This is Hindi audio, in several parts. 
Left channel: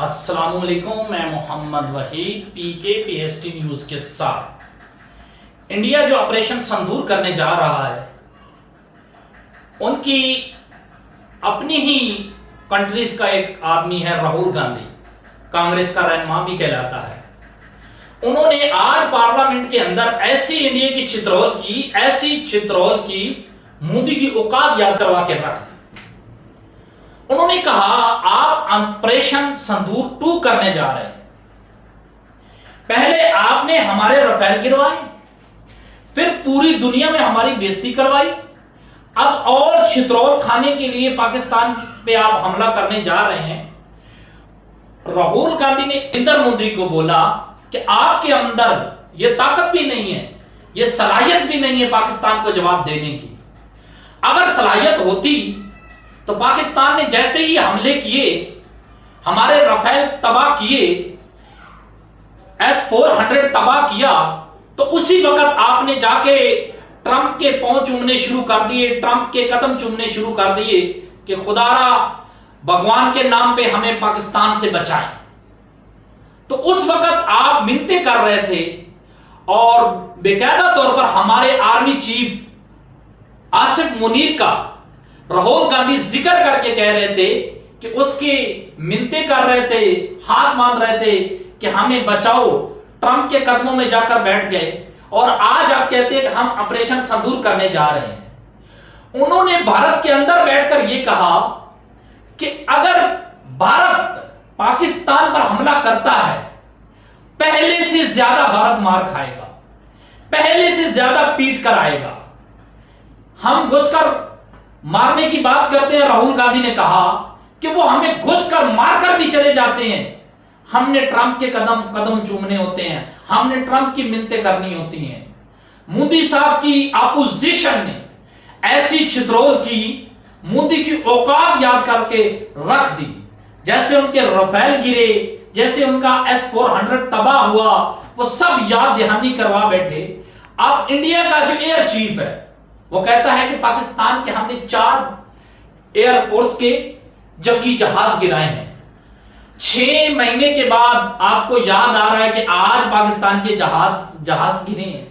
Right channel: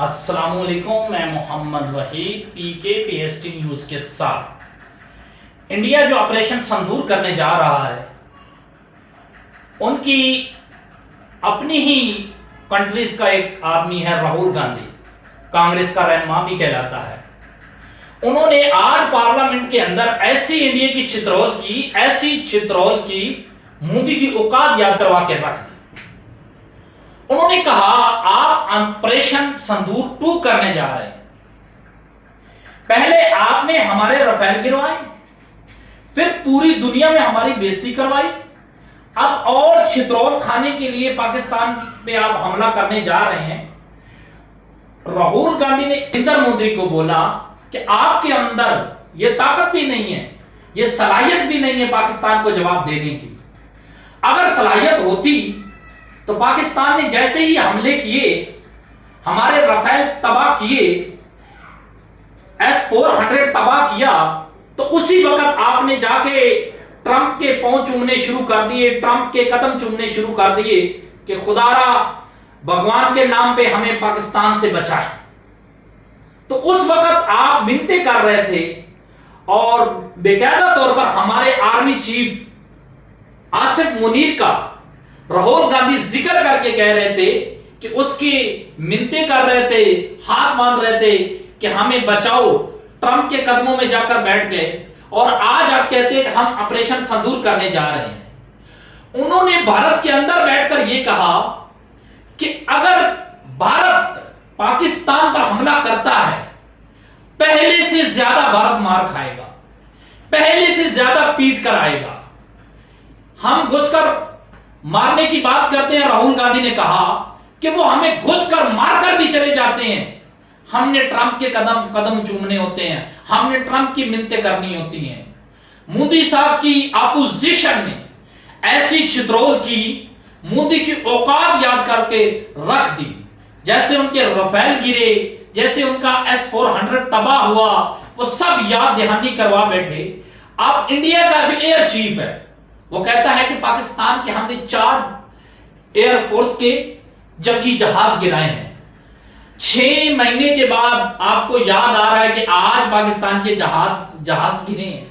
अस्सलामुअलैकुम, मैं मोहम्मद वहीद पीके पीएसटी न्यूज के साथ। इंडिया जो ऑपरेशन संदूर करने जा रहा है, उनकी अपनी ही कंट्रीज का एक आदमी है राहुल गांधी, कांग्रेस का रहनुमा भी कहलाता है। उन्होंने आज पार्लियामेंट के अंदर ऐसी इंडिया की चित्रौल की मोदी की औकात याद करवा के रख दी। उन्होंने कहा आप ऑपरेशन संदूर 2 करने जा रहे हैं। पहले आपने हमारे राफेल गिरवाए, फिर पूरी दुनिया में हमारी बेइज्जती करवाई, अब और चित्रौल खाने के लिए पाकिस्तान पे आप हमला करने जा रहे हैं। राहुल गांधी ने नरेंद्र मोदी को बोला कि आपके अंदर यह ताकत भी नहीं है, यह सलाहियत भी नहीं है पाकिस्तान को जवाब देने की। अगर सलाहियत होती तो पाकिस्तान ने जैसे ही हमले किए, हमारे राफेल तबाह किए, S-400 तबाह किया, तो उसी वक्त आपने जाके ट्रंप के पांव चूमने शुरू कर दिए, ट्रंप के कदम चूमने शुरू कर दिए कि खुदारा भगवान के नाम पे हमें पाकिस्तान से बचाए। तो उस वक्त आप मिन्नते कर रहे थे और बेकायदा तौर पर हमारे आर्मी चीफ आसिफ मुनीर का राहुल गांधी जिक्र करके कह रहे थे कि उसकी मिन्नते कर रहे थे, हाथ मांग रहे थे कि हमें बचाओ, ट्रंप के कदमों में जाकर बैठ गए। और आज आप कहते हैं कि हम ऑपरेशन संदूर करने जा रहे हैं। उन्होंने भारत के अंदर बैठकर यह कहा कि अगर भारत पाकिस्तान पर हमला करता है, पहले से ज्यादा भारत मार खाएगा, पहले से ज्यादा पीट कर आएगा। हम घुसकर मारने की बात करते हैं। राहुल गांधी ने कहा कि वो हमें घुसकर मारकर भी चले जाते हैं। हमने ट्रंप के कदम चूमने होते हैं, हमने ट्रंप की मिन्नतें करनी होती हैं। मोदी साहब की अपोजिशन ने ऐसी चित्रौल की मोदी की औकात याद करके रख दी। जैसे उनके राफेल गिरे, जैसे उनका S-400 तबाह हुआ, वो सब याद दहानी करवा बैठे। अब इंडिया का जो एयर चीफ है वो कहता है कि पाकिस्तान के हमने 4 एयरफोर्स के जंगी जहाज गिराए हैं। 6 महीने के बाद आपको याद आ रहा है कि आज पाकिस्तान के जहाज गिरे हैं।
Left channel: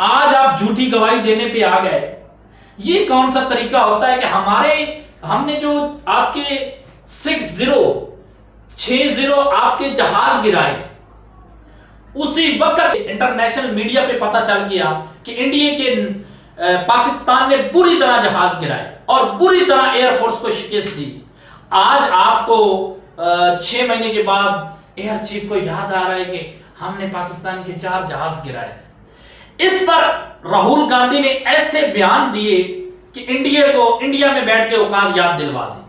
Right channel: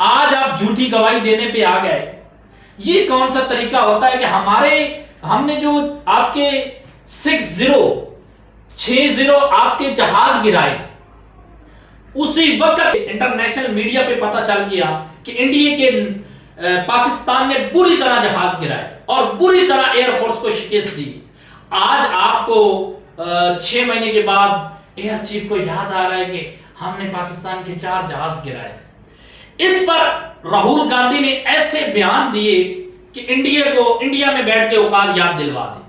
आज आप झूठी गवाही देने पे आ गए। ये कौन सा तरीका होता है कि हमने जो आपके 60 आपके जहाज गिराए, उसी वक्त इंटरनेशनल मीडिया पे पता चल गया कि इंडिया के पाकिस्तान ने बुरी तरह जहाज गिराए और बुरी तरह एयरफोर्स को शिकस्त दी। आज आपको 6 महीने के बाद एयर चीफ को याद आ रहा है कि हमने पाकिस्तान के 4 जहाज गिराए। इस पर राहुल गांधी ने ऐसे बयान दिए कि इंडिया में बैठ के औकात याद दिलवा दी।